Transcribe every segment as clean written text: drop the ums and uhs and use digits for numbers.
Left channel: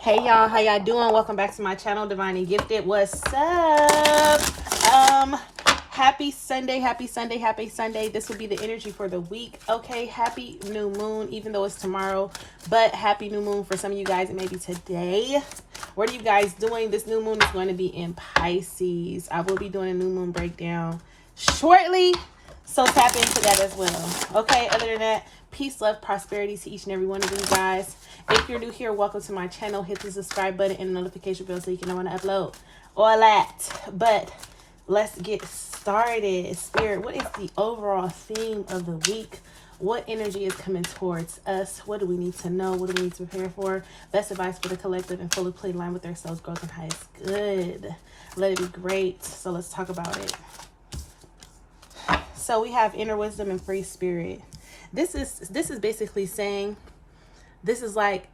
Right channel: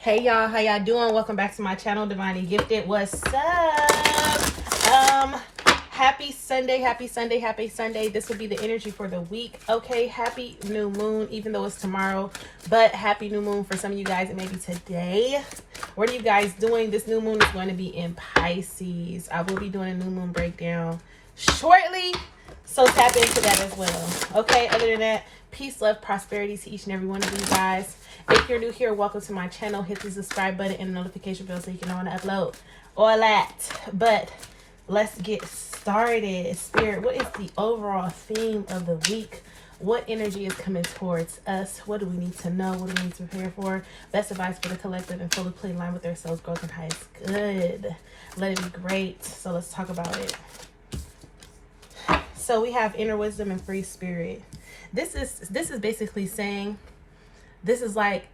Hey y'all, how y'all doing? Welcome back to my channel, Divinely Gifted. What's up? Happy Sunday, happy Sunday, happy Sunday. This will be the energy for the week. Okay, happy new moon, even though it's tomorrow, but happy new moon for some of you guys. It may be today. What are you guys doing? This new moon is going to be in Pisces. I will be doing a new moon breakdown shortly, so tap into that as well. Okay, other than that, peace, love, prosperity to each and every one of you guys. If you're new here, welcome to my channel. Hit the subscribe button and the notification bell so you can know when I upload all that. But let's get started. Spirit, what is the overall theme of the week? What energy is coming towards us? What do we need to know? What do we need to prepare for? Best advice for the collective and fully play in line with their selves growth and highest good. Let it be great. So let's talk about it. So we have inner wisdom and free spirit. This is basically saying, this is like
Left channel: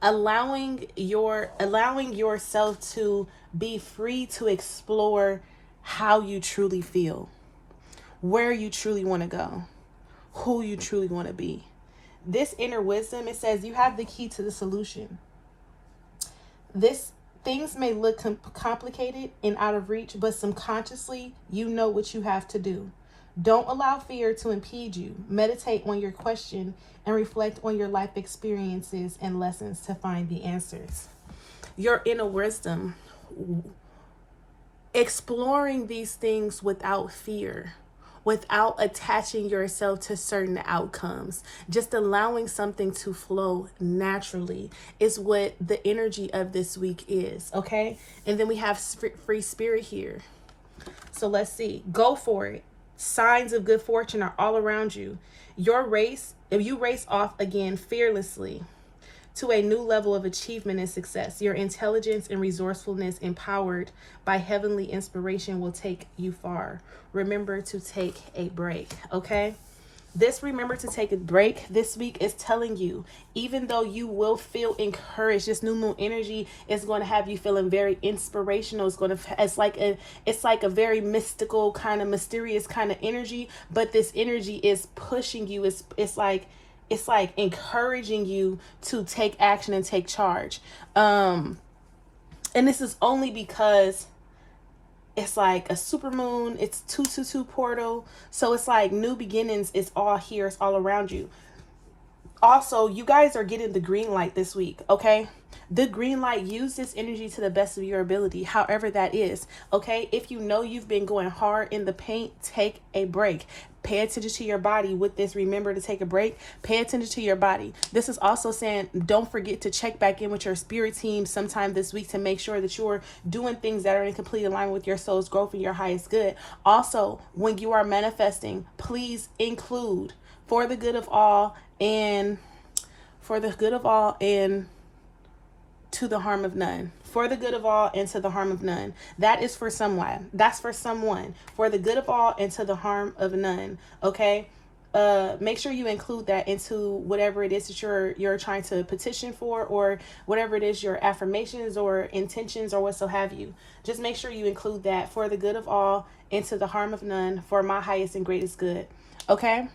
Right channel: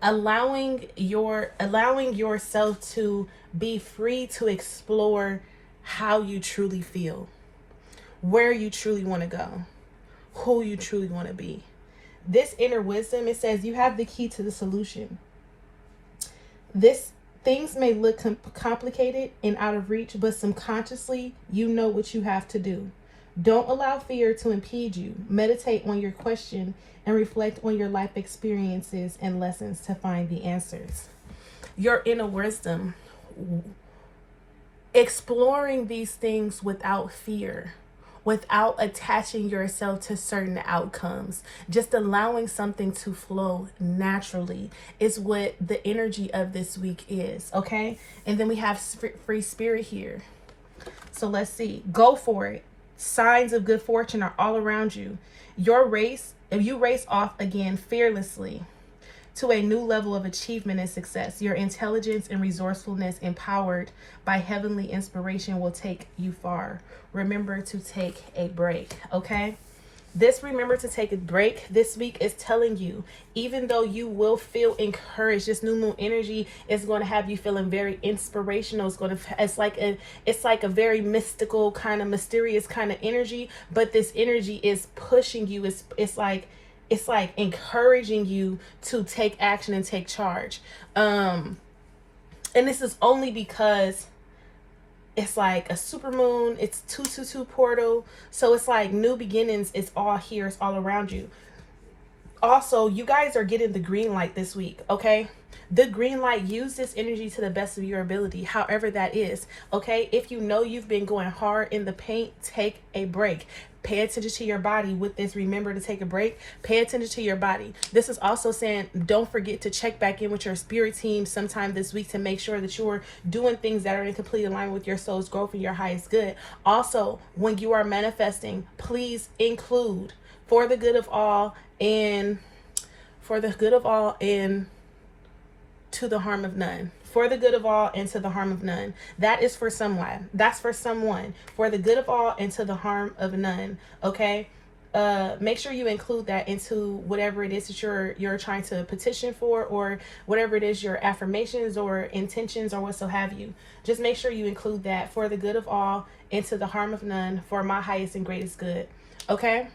allowing yourself to be free to explore how you truly feel, where you truly want to go, who you truly want to be. This inner wisdom, it says you have the key to the solution. Things may look complicated and out of reach, but subconsciously you know what you have to do. Don't allow fear to impede you. Meditate on your question and reflect on your life experiences and lessons to find the answers. Your inner wisdom, exploring these things without fear, without attaching yourself to certain outcomes, just allowing something to flow naturally is what the energy of this week is. Okay, and then we have free spirit here. So let's see, go for it. Signs of good fortune are all around you. If you race off again fearlessly to a new level of achievement and success, your intelligence and resourcefulness, empowered by heavenly inspiration, will take you far. Remember to take a break, okay? This remember to take a break this week is telling you, even though you will feel encouraged, this new moon energy is going to have you feeling very inspirational. It's like a very mystical kind of mysterious kind of energy, but this energy is pushing you. It's like encouraging you to take action and take charge. And this is only because it's like a super moon. It's 222 portal. So it's like new beginnings. It's all here. It's all around you. Also, you guys are getting the green light this week. Okay. The green light, use this energy to the best of your ability, however that is. Okay. If you know you've been going hard in the paint, take a break. Pay attention to your body with this. Remember to take a break. Pay attention to your body. This is also saying, don't forget to check back in with your spirit team sometime this week to make sure that you're doing things that are in complete alignment with your soul's growth and your highest good. Also, when you are manifesting, please include for the good of all and to the harm of none. For the good of all and to the harm of none. That is for someone. That's for someone. For the good of all and to the harm of none. Okay. Make sure you include that into whatever it is that you're trying to petition for, or whatever it is, your affirmations or intentions or what so have you. Just make sure you include that, for the good of all and to the harm of none, for my highest and greatest good. Okay.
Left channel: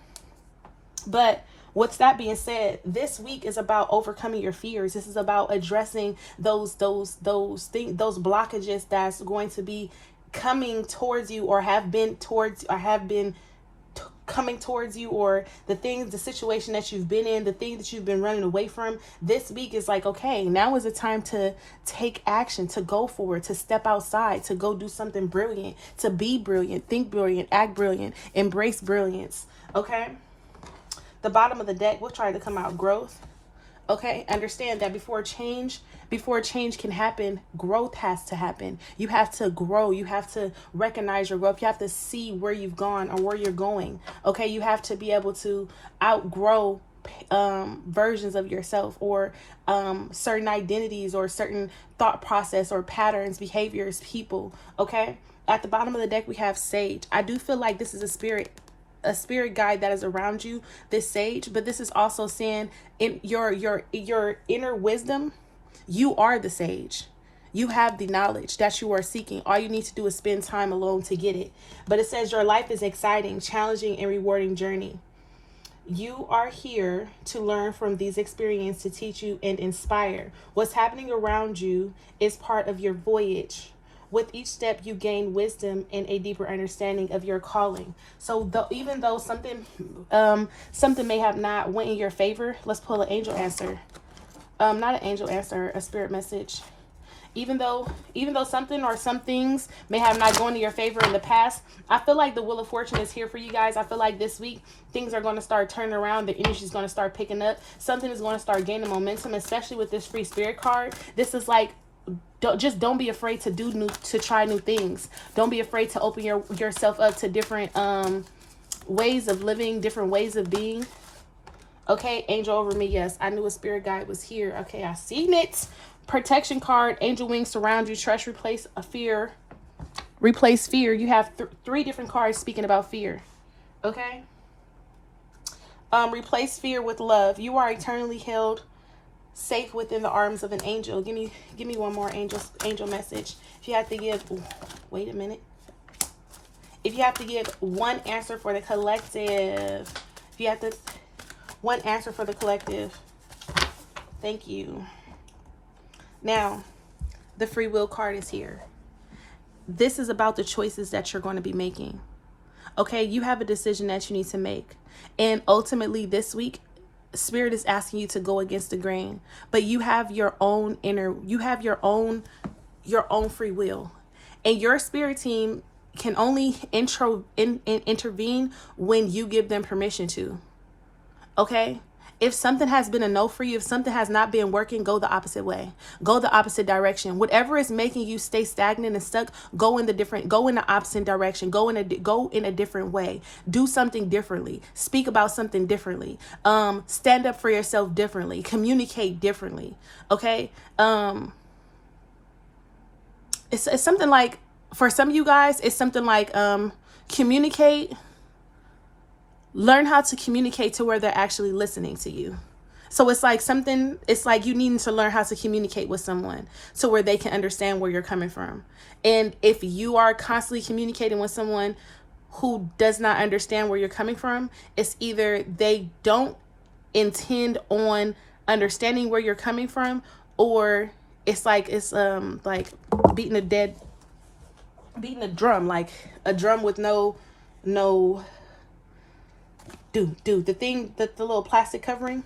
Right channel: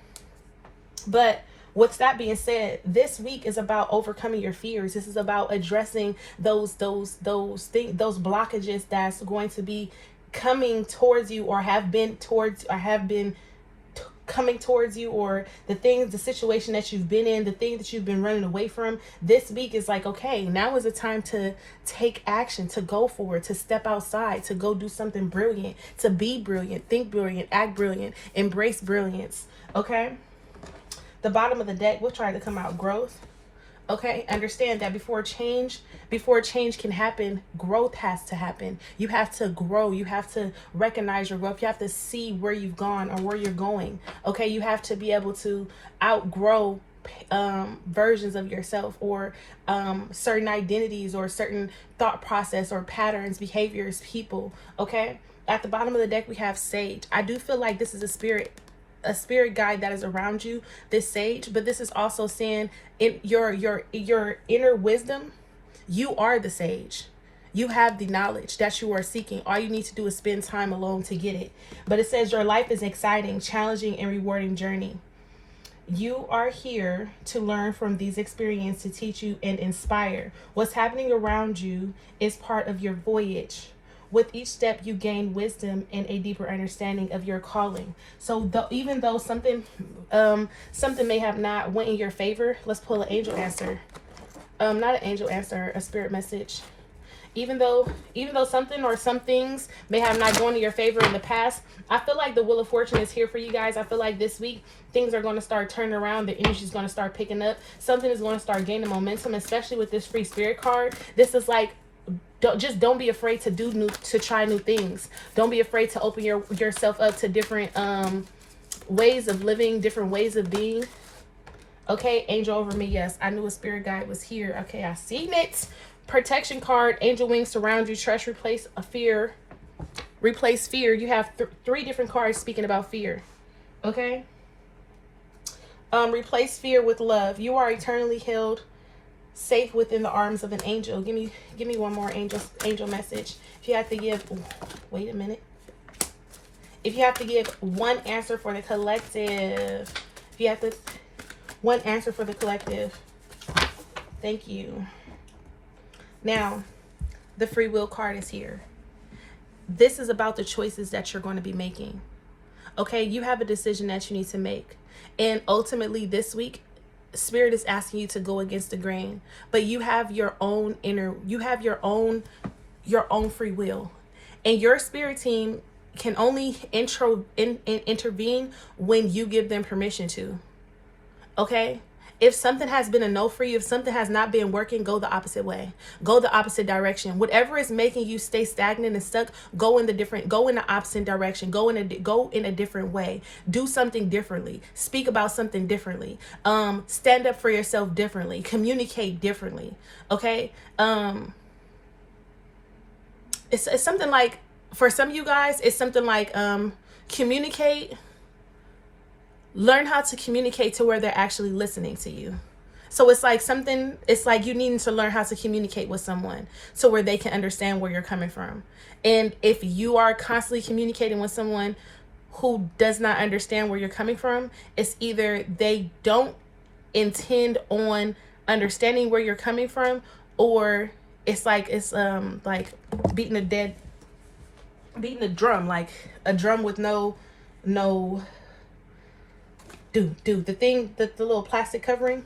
But with that being said, this week is about overcoming your fears. This is about addressing those blockages that's going to be coming towards you, or have been coming towards you, or the situation that you've been in, the thing that you've been running away from. This week is like, okay, now is the time to take action, to go forward, to step outside, to go do something brilliant, to be brilliant, think brilliant, act brilliant, embrace brilliance. Okay. The bottom of the deck, we're trying to come out growth. Okay, understand that before change can happen, growth has to happen. You have to grow. You have to recognize your growth. You have to see where you've gone or where you're going. Okay, you have to be able to outgrow versions of yourself, or certain identities, or certain thought process, or patterns, behaviors, people. Okay, at the bottom of the deck we have Sage. I do feel like this is a spirit guide that is around you, this Sage, but this is also saying, in your inner wisdom, you are the Sage. You have the knowledge that you are seeking. All you need to do is spend time alone to get it. But it says your life is exciting, challenging, and rewarding journey. You are here to learn from these experiences to teach you and inspire. What's happening around you is part of your voyage. With each step, you gain wisdom and a deeper understanding of your calling. So, even though something may have not went in your favor, let's pull an angel answer. Not an angel answer, a spirit message. Even though something or some things may have not gone in your favor in the past, I feel like the wheel of fortune is here for you guys. I feel like this week things are going to start turning around. The energy is going to start picking up. Something is going to start gaining momentum, especially with this free spirit card. This is like, don't be afraid to try new things. Don't be afraid to open yourself up to different ways of living, different ways of being. Okay, angel over me. Yes, I knew a spirit guide was here. Okay, I seen it. Protection card, angel wings surround you. Trust, replace a fear. Replace fear. You have three different cards speaking about fear. Okay. Replace fear with love. You are eternally held safe within the arms of an angel. Give me one more angel message. If you have to give, wait a minute. If you have to give one answer for the collective, one answer for the collective. Thank you. Now, the free will card is here. This is about the choices that you're going to be making. Okay, you have a decision that you need to make. And ultimately this week, Spirit is asking you to go against the grain. But you have your own free will. And your spirit team can only intervene when you give them permission to. Okay? If something has been a no for you, if something has not been working, go the opposite way. Go the opposite direction. Whatever is making you stay stagnant and stuck, go in the opposite direction. Go in a different way. Do something differently. Speak about something differently. Stand up for yourself differently. Communicate differently. Okay? It's something like, for some of you guys, it's something like communicate. Learn how to communicate to where they're actually listening to you. So it's like you needing to learn how to communicate with someone so where they can understand where you're coming from. And if you are constantly communicating with someone who does not understand where you're coming from, it's either they don't intend on understanding where you're coming from, or it's like beating a drum, like a drum with no Dude, the little plastic covering,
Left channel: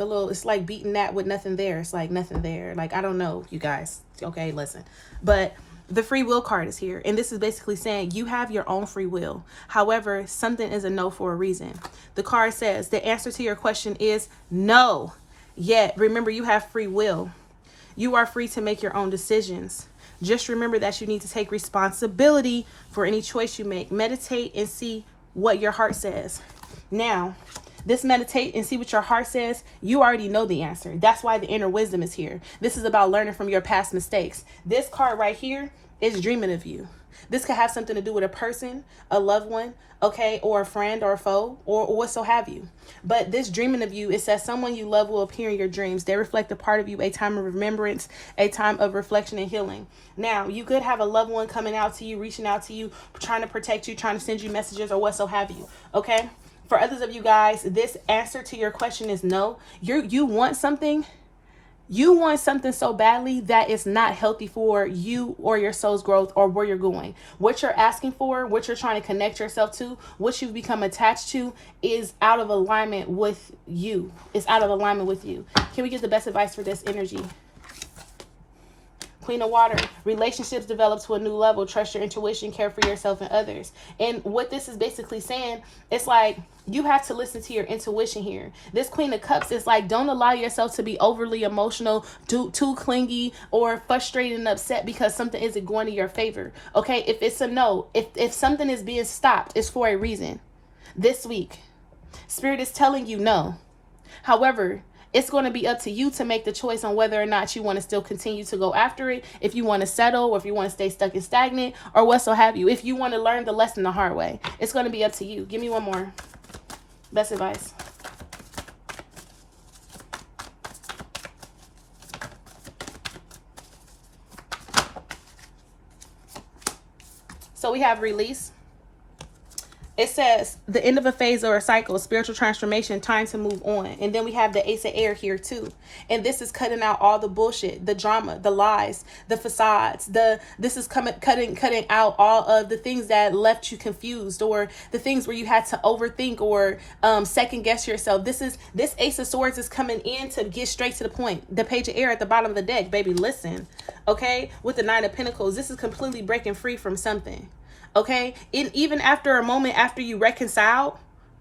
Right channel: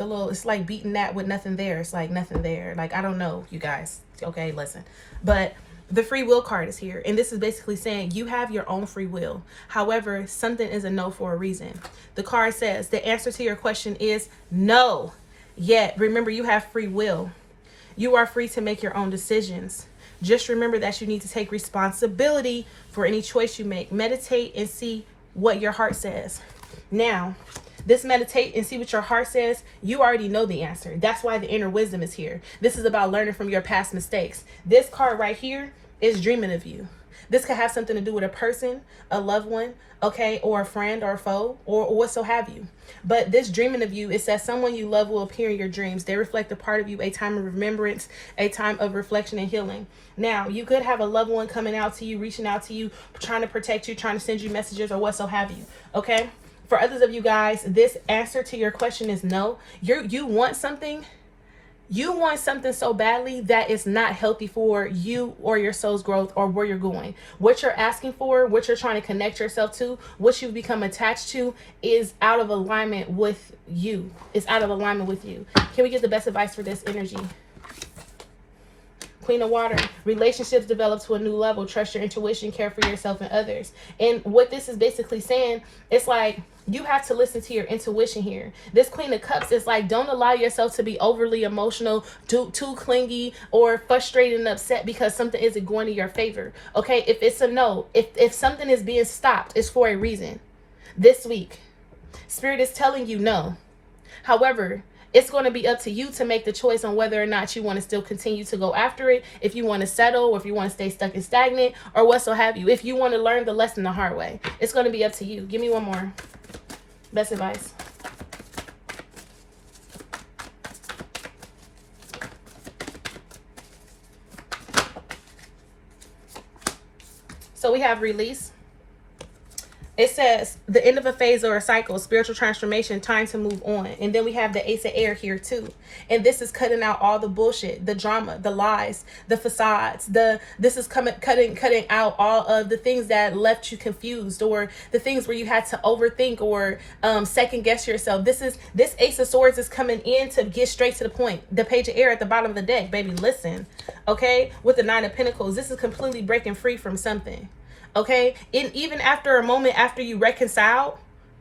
it's like beating that with nothing there. It's like nothing there. Like, I don't know, you guys. Okay, listen. But the free will card is here. And this is basically saying you have your own free will. However, something is a no for a reason. The card says the answer to your question is no. Yet, remember, you have free will. You are free to make your own decisions. Just remember that you need to take responsibility for any choice you make. Meditate and see what your heart says. Now, this meditate and see what your heart says, you already know the answer. That's why the inner wisdom is here. This is about learning from your past mistakes. This card right here is dreaming of you. This could have something to do with a person, a loved one, okay, or a friend or a foe, or what so have you. But this dreaming of you, it says someone you love will appear in your dreams. They reflect a part of you, a time of remembrance, a time of reflection and healing. Now, you could have a loved one coming out to you, reaching out to you, trying to protect you, trying to send you messages or what so have you, okay? For others of you guys, this answer to your question is no. You want something. You want something so badly that it's not healthy for you or your soul's growth or where you're going. What you're asking for, what you're trying to connect yourself to, what you've become attached to is out of alignment with you. It's out of alignment with you. Can we get the best advice for this energy? Queen of Water, relationships develop to a new level. Trust your intuition, care for yourself and others. And what this is basically saying, it's like you have to listen to your intuition here. This Queen of Cups is like, don't allow yourself to be overly emotional, too clingy, or frustrated and upset because something isn't going in your favor. Okay, if it's a no, if something is being stopped, it's for a reason. This week, Spirit is telling you no. However, it's going to be up to you to make the choice on whether or not you want to still continue to go after it, if you want to settle, or if you want to stay stuck and stagnant, or what so have you. If you want to learn the lesson the hard way, it's going to be up to you. Give me one more. Best advice. So we have release, It says the end of a phase or a cycle, spiritual transformation, time to move on. And then we have the Ace of Air here too. And this is cutting out all the bullshit, the drama, the lies, the facades. This is cutting out all of the things that left you confused, or the things where you had to overthink or second guess yourself. This Ace of Swords is coming in to get straight to the point. The Page of Air at the bottom of the deck, baby, listen. Okay, with the Nine of Pentacles, this is completely breaking free from something. Okay, and even after a moment after you reconciled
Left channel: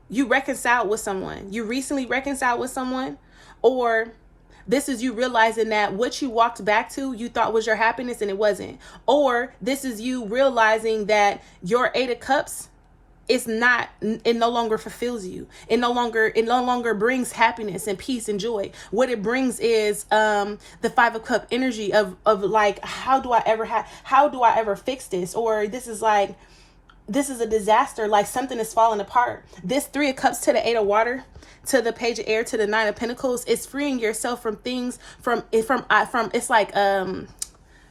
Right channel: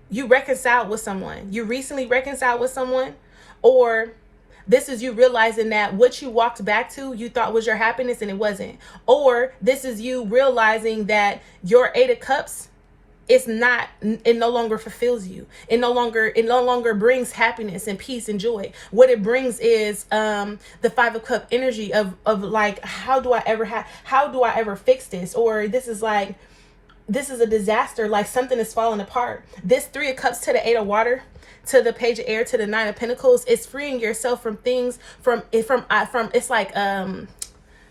with someone, you recently reconciled with someone, or this is you realizing that what you walked back to you thought was your happiness and it wasn't, or this is you realizing that your Eight of Cups is not, it no longer fulfills you. It no longer brings happiness and peace and joy. What it brings is the Five of Cup energy of like, how do I ever fix this? Or this is a disaster, like something is falling apart. This Three of Cups to the Eight of Water, to the Page of Air, to the Nine of Pentacles, is freeing yourself from things, from it's like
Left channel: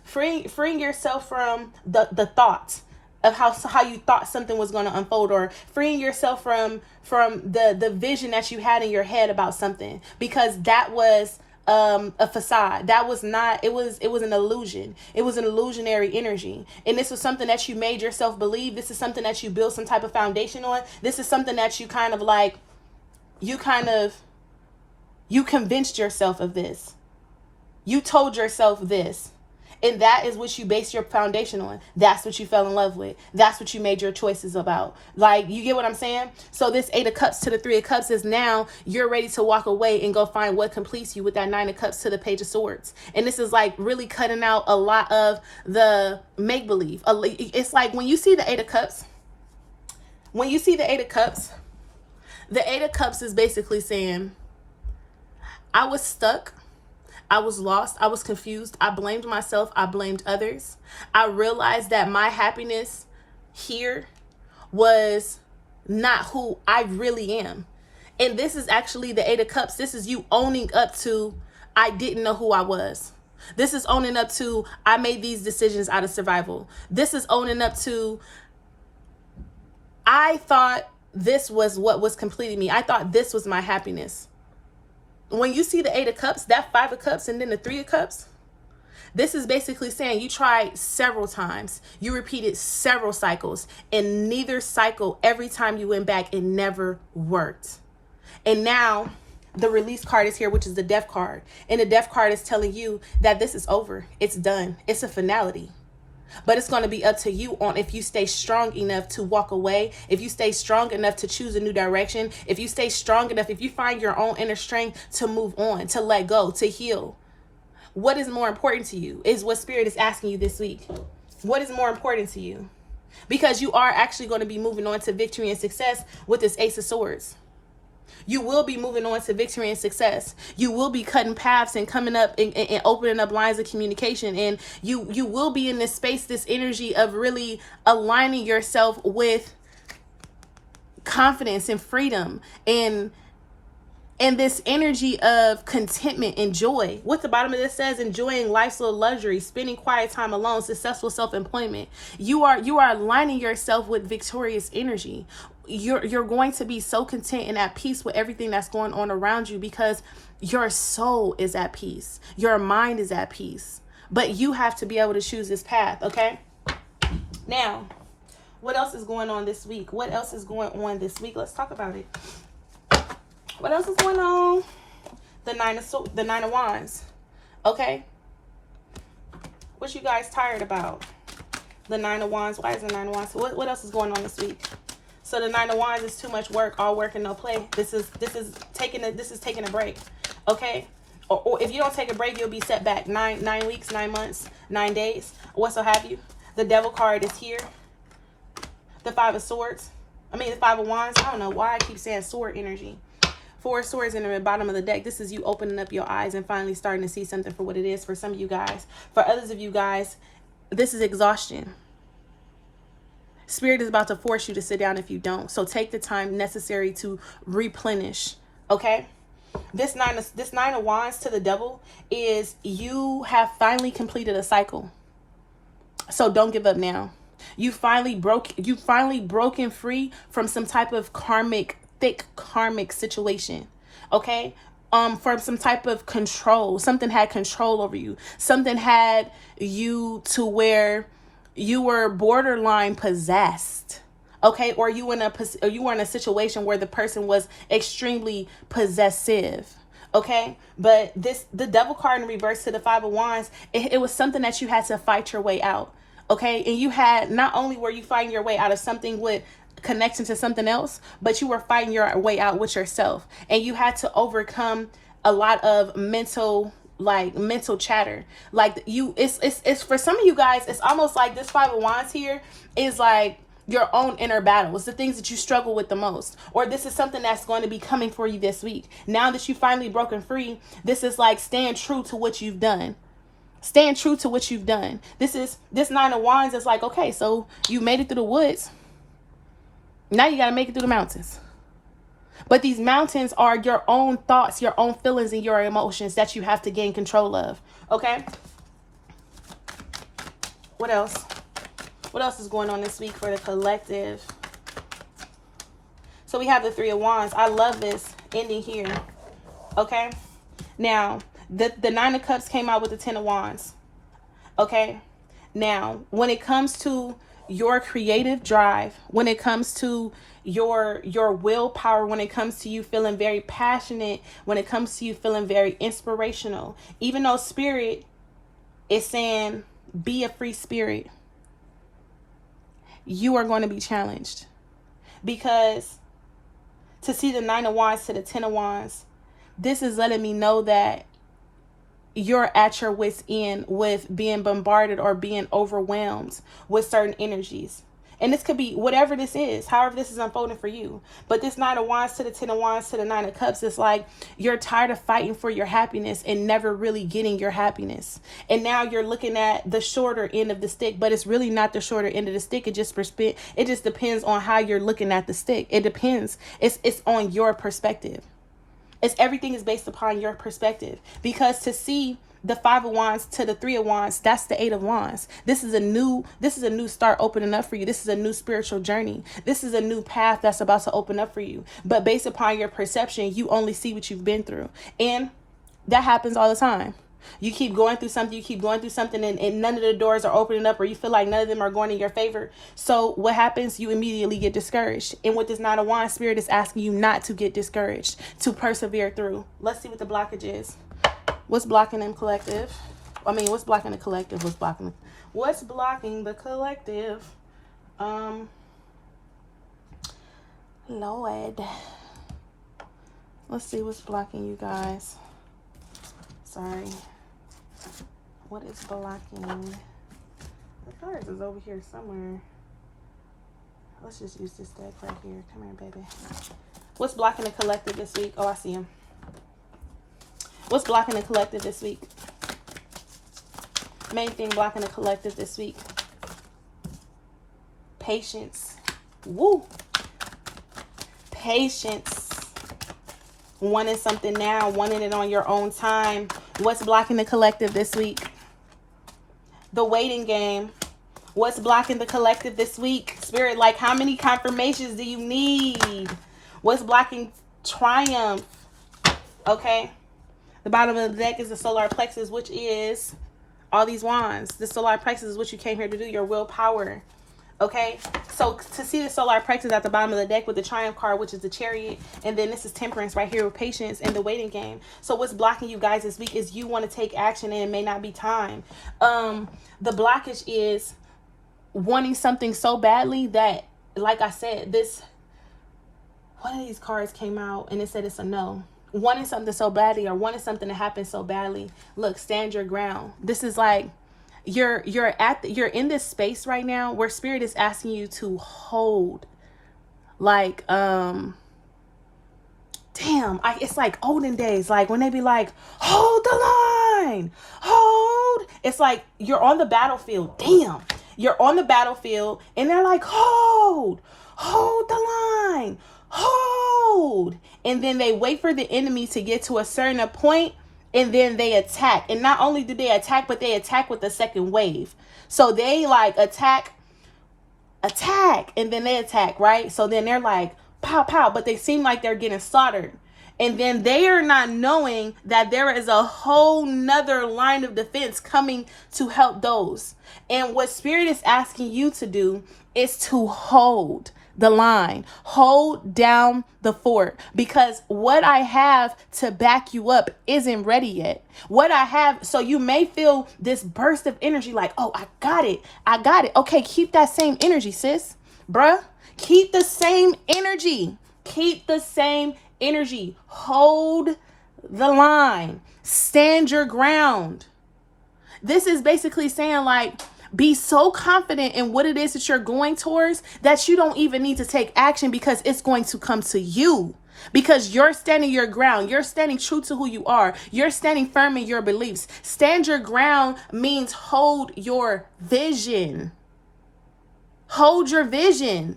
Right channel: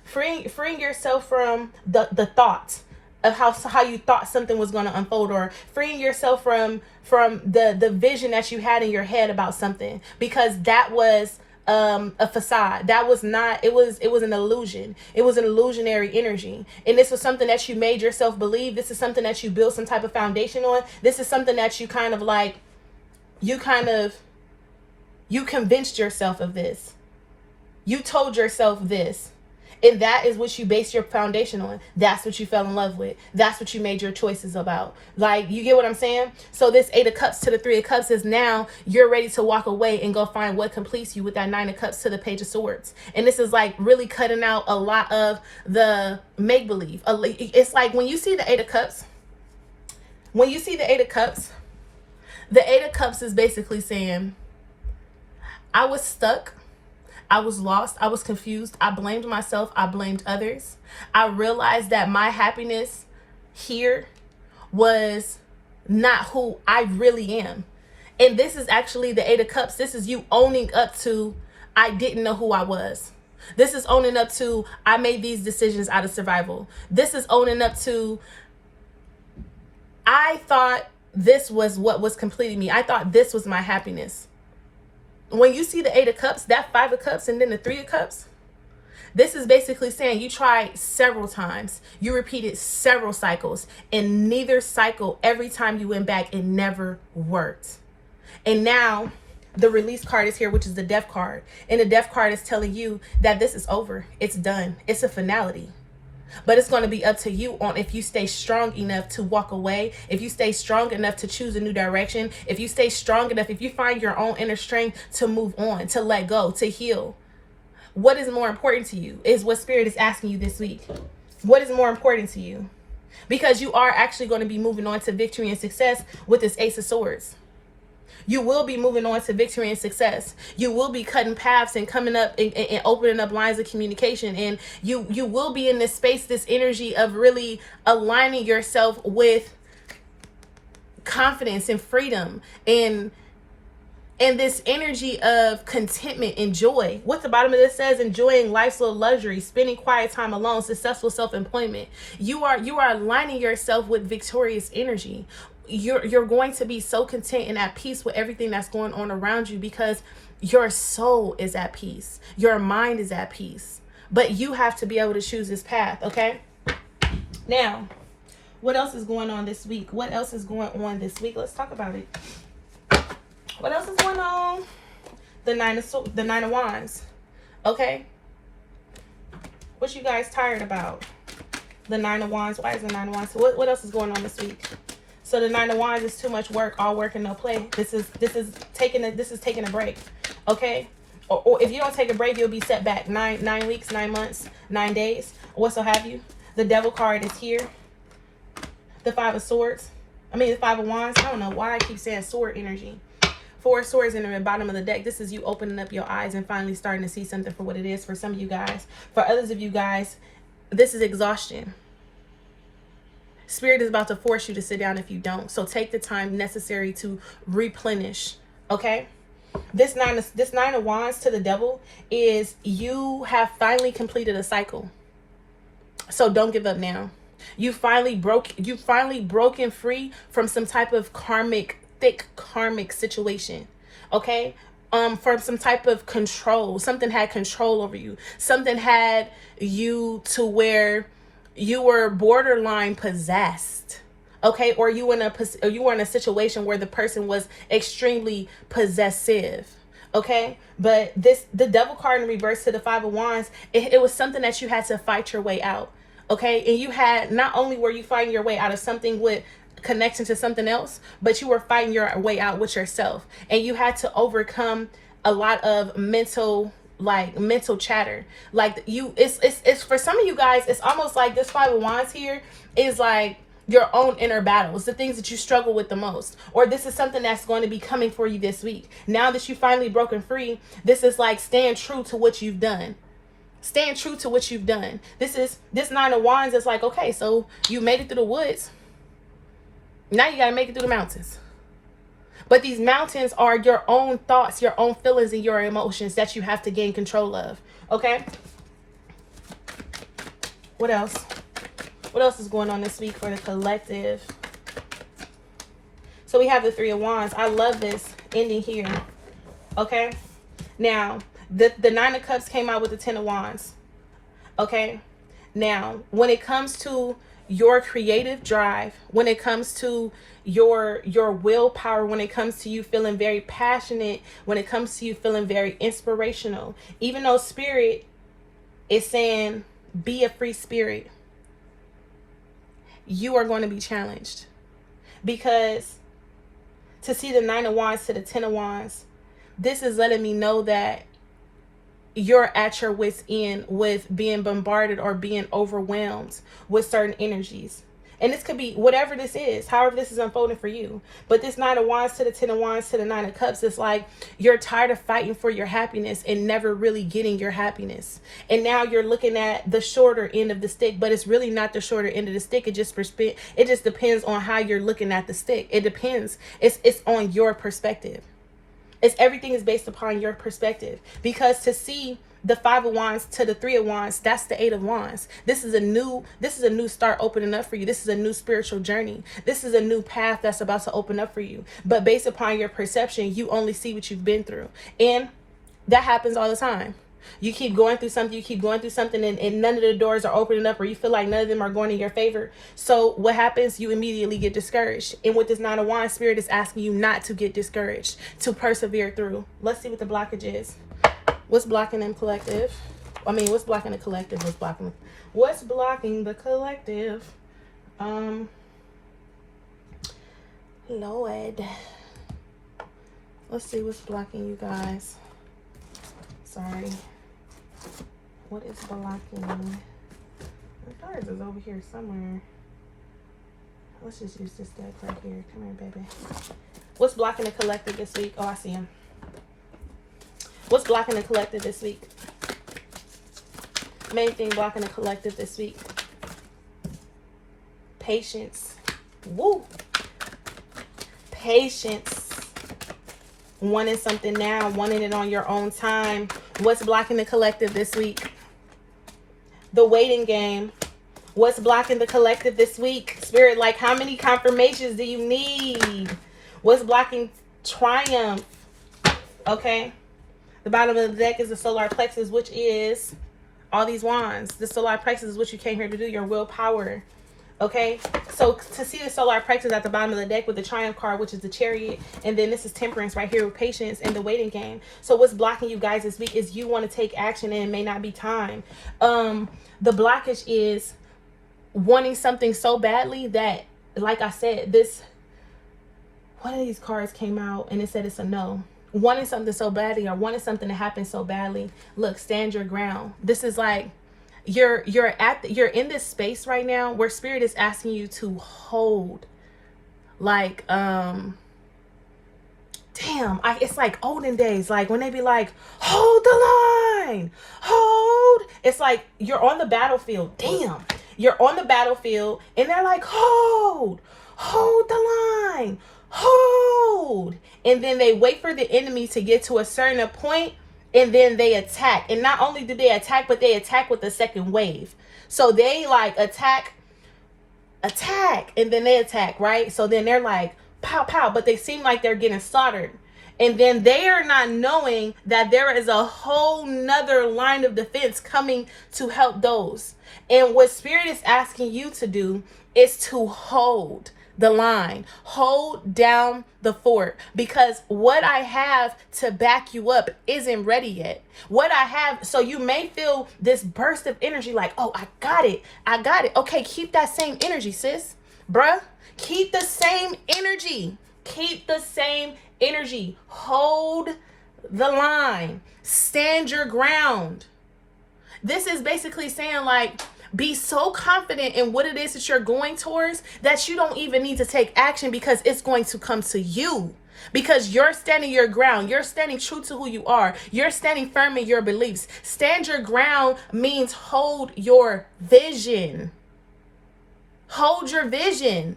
freeing yourself from the thought of how you thought something was going to unfold, or freeing yourself from the vision that you had in your head about something, because that was a facade. That was not, it was an illusion. It was an illusionary energy. And this was something that you made yourself believe. This is something that you built some type of foundation on. This is something that you you convinced yourself of this. You told yourself this. And that is what you base your foundation on. That's what you fell in love with. That's what you made your choices about. Like, you get what I'm saying? So this Eight of Cups to the Three of Cups is now you're ready to walk away and go find what completes you with that Nine of Cups to the Page of Swords. And this is like really cutting out a lot of the make-believe. It's like when you see the Eight of Cups, the Eight of Cups is basically saying, I was stuck. I was lost. I was confused. I blamed myself. I blamed others. I realized that my happiness here was not who I really am. And this is actually the Eight of Cups. This is you owning up to, I didn't know who I was. This is owning up to, I made these decisions out of survival. This is owning up to, I thought this was what was completing me. I thought this was my happiness. When you see the Eight of Cups, that Five of Cups, and then the Three of Cups, this is basically saying you tried several times. You repeated several cycles, and neither cycle, every time you went back, it never worked. And now the Release card is here, which is the Death card. And the Death card is telling you that this is over. It's done. It's a finality. But it's going to be up to you on if you stay strong enough to walk away, if you stay strong enough to choose a new direction, if you stay strong enough, if you find your own inner strength to move on, to let go, to heal. What is more important to you is what Spirit is asking you this week. What is more important to you? Because you are actually going to be moving on to victory and success with this Ace of Swords. You will be moving on to victory and success. You will be cutting paths and coming up and opening up lines of communication. And you will be in this space, this energy of really aligning yourself with confidence and freedom and this energy of contentment and joy. What the bottom of this says, enjoying life's little luxury, spending quiet time alone, successful self-employment. You are aligning yourself with victorious energy. You're going to be so content and at peace with everything that's going on around you, because your soul is at peace. Your mind is at peace. But you have to be able to choose this path, okay? Now, what else is going on this week? What else is going on this week? Let's talk about it. What else is going on? The Nine of Wands. Okay? What you guys tired about? The Nine of Wands. Why is the Nine of Wands? What else is going on this week? So the Nine of Wands is too much work, all work and no play. This is taking a break. Okay? Or if you don't take a break, you'll be set back 9 weeks, 9 months, 9 days, whatso have you. The Devil card is here. The Five of Swords. The Five of Wands. I don't know why I keep saying sword energy. Four swords in the bottom of the deck. This is you opening up your eyes and finally starting to see something for what it is for some of you guys. For others of you guys, this is exhaustion. Spirit is about to force you to sit down if you don't. So take the time necessary to replenish. Okay? This nine of Wands to the Devil is you have finally completed a cycle. So don't give up now. You finally broken free from some type of thick karmic situation. Okay? From some type of control. Something had control over you. Something had you to where you were borderline possessed. Okay? Or you were in a situation where the person was extremely possessive. Okay? But the devil card in reverse to the Five of Wands, it was something that you had to fight your way out. Okay? And you had, not only were you fighting your way out of something with connection to something else, but you were fighting your way out with yourself, and you had to overcome a lot of mental chatter. Like it's for some of you guys, it's almost like this Five of Wands here is like your own inner battles, the things that you struggle with the most, or this is something that's going to be coming for you this week. Now that you finally broken free, this is like stand true to what you've done. Stand true to what you've done. This Nine of Wands is like, okay, so you made it through the woods. Now you got to make it through the mountains. But these mountains are your own thoughts, your own feelings, and your emotions that you have to gain control of. Okay? What else? What else is going on this week for the collective? So we have the Three of Wands. I love this ending here. Okay? Now, the Nine of Cups came out with the Ten of Wands. Okay? Now, when it comes to your creative drive, when it comes to your willpower, when it comes to you feeling very passionate, when it comes to you feeling very inspirational, even though Spirit is saying be a free spirit, you are going to be challenged. Because to see the Nine of Wands to the Ten of Wands, this is letting me know that you're at your wit's end with being bombarded or being overwhelmed with certain energies. And this could be whatever this is, however this is unfolding for you. But this Nine of Wands to the Ten of Wands to the Nine of Cups, it's like you're tired of fighting for your happiness and never really getting your happiness. And now you're looking at the shorter end of the stick, but it's really not the shorter end of the stick. It just depends on how you're looking at the stick. It depends. It's on your perspective. Everything is based upon your perspective. Because to see the Five of Wands to the Three of Wands, that's the Eight of Wands. This is a new start opening up for you. This is a new spiritual journey. This is a new path that's about to open up for you. But based upon your perception, you only see what you've been through. And that happens all the time. You keep going through something, and none of the doors are opening up, or you feel like none of them are going in your favor. So what happens? You immediately get discouraged. And with this Nine of Wands, Spirit is asking you not to get discouraged, to persevere through. Let's see what the blockage is. What's blocking them collective? What's blocking the collective? What's blocking the collective? Lord. Let's see what's blocking you guys. Sorry. What is blocking? The cards is over here somewhere. Let's just use this deck right here. Come here, baby. What's blocking the collective this week? Oh, I see him. What's blocking the collective this week? Main thing blocking the collective this week. Patience. Woo. Patience. Wanting something now, wanting it on your own time. What's blocking the collective this week? The waiting game. What's blocking the collective this week? Spirit, like, how many confirmations do you need? What's blocking triumph? Okay. The bottom of the deck is the solar plexus, which is all these wands. The solar plexus is what you came here to do, your willpower. Okay, so to see the solar plexus at the bottom of the deck with the triumph card, which is the chariot, and then this is temperance right here with patience and the waiting game. So what's blocking you guys this week is you want to take action and it may not be time. The blockage is wanting something so badly that, like I said, one of these cards came out and it said it's a no. Wanting something so badly, or wanting something to happen so badly. Look, stand your ground. This is like you're in this space right now where Spirit is asking you to hold, like it's like olden days, like when they be like, hold the line, hold. It's like you're on the battlefield. Damn, you're on the battlefield, and they're like, hold the line, hold. And then they wait for the enemy to get to a certain point, and then they attack. And not only do they attack, but they attack with the second wave. So they like attack attack, and then they attack, right? So then they're like, pow, pow, but they seem like they're getting slaughtered. And then they are not knowing that there is a whole nother line of defense coming to help those. And what Spirit is asking you to do is to hold the line, hold down the fort, because what I have to back you up isn't ready yet. What I have, so you may feel this burst of energy like, oh, I got it. Okay, keep that same energy, sis, bruh. Keep the same energy. Keep the same energy. Hold the line. Stand your ground. This is basically saying, like, be so confident in what it is that you're going towards that you don't even need to take action, because it's going to come to you. Because you're standing your ground. You're standing true to who you are. You're standing firm in your beliefs. Stand your ground means hold your vision. Hold your vision.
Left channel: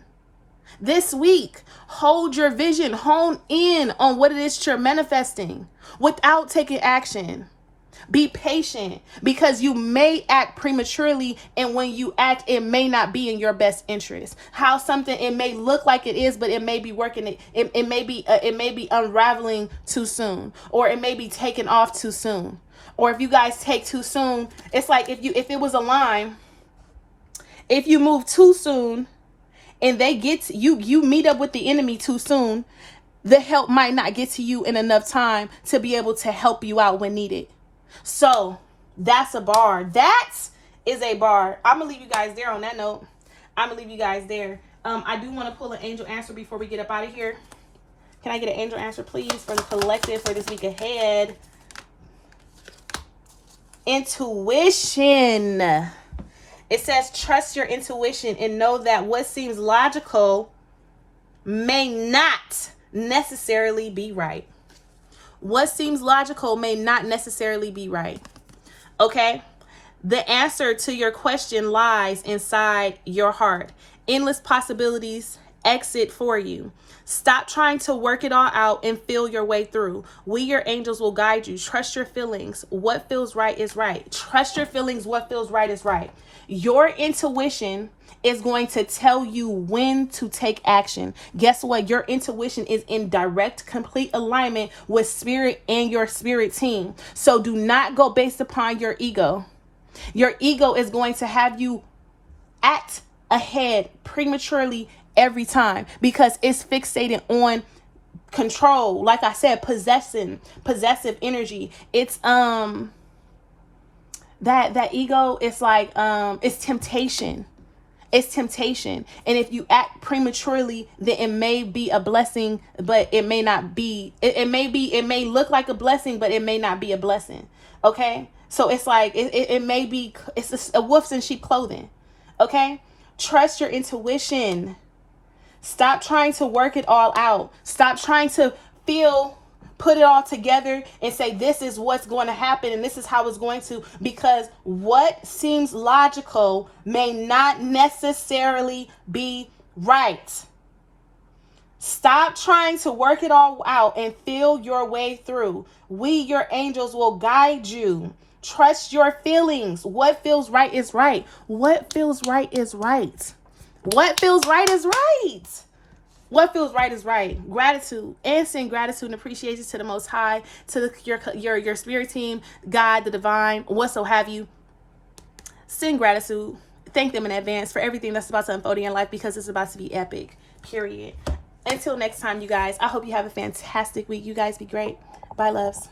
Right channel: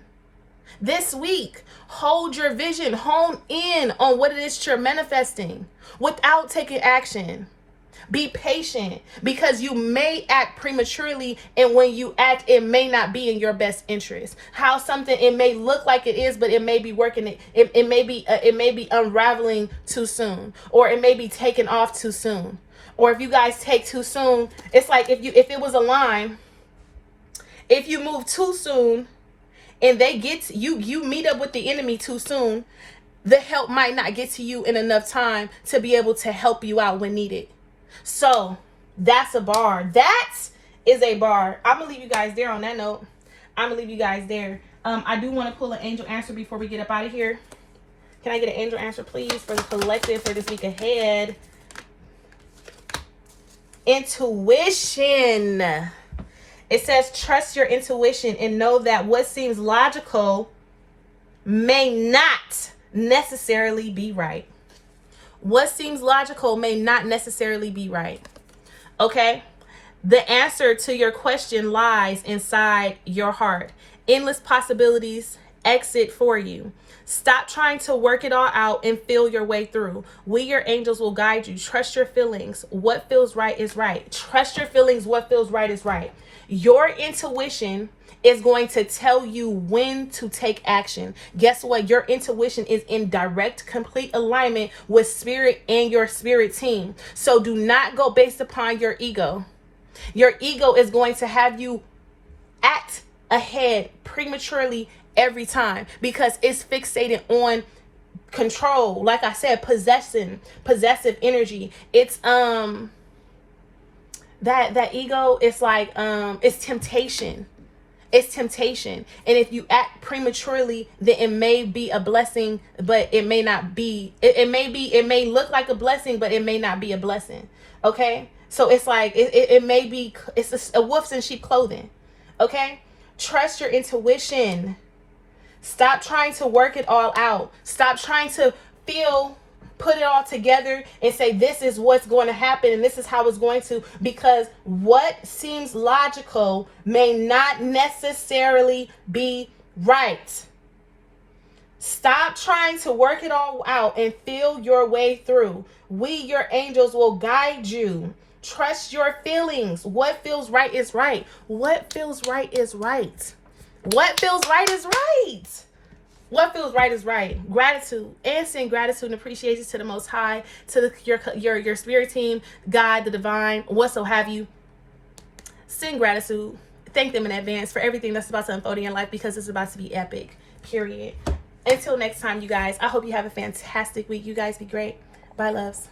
This week, hold your vision. Hone in on what it is that you're manifesting without taking action. Be patient, because you may act prematurely, and when you act, it may not be in your best interest. How something, it may look like it is, but it may be working. It may be unraveling too soon, or it may be taken off too soon. Or if you guys take too soon, it's like if it was a line, if you move too soon and they get to you meet up with the enemy too soon, the help might not get to you in enough time to be able to help you out when needed. So that's a bar. That is a bar. I'm gonna leave you guys there on that note. I'm gonna leave you guys there. I do want to pull an angel answer before we get up out of here. Can I get an angel answer, please, for the collective for this week ahead? Intuition. It says, trust your intuition and know that what seems logical may not necessarily be right. What seems logical may not necessarily be right. Okay? The answer to your question lies inside your heart. Endless possibilities exit for you. Stop trying to work it all out and feel your way through. We, your angels, will guide you. Trust your feelings. What feels right is right. Trust your feelings. What feels right is right. Your intuition is going to tell you when to take action. Guess what? Your intuition is in direct, complete alignment with Spirit and your spirit team. So do not go based upon your ego. Your ego is going to have you act ahead prematurely every time, because it's fixated on control. Like I said, possessive energy. It's that ego is like it's temptation. It's temptation. And if you act prematurely, then it may be a blessing, but it may not be. It may look like a blessing, but it may not be a blessing. Okay? So it's like it may be, it's a wolf in sheep clothing. Okay? Trust your intuition. Stop trying to work it all out. Stop trying to put it all together and say, this is what's going to happen and this is how it's going to, because what seems logical may not necessarily be right. Stop trying to work it all out and feel your way through. We, your angels, will guide you. Trust your feelings. What feels right is right. What feels right is right. What feels right is right. What feels right is right. Gratitude. And send gratitude and appreciation to the Most High, to your spirit team, God, the divine, what so have you. Send gratitude. Thank them in advance for everything that's about to unfold in your life, because it's about to be epic. Period. Until next time, you guys, I hope you have a fantastic week. You guys be great. Bye, loves.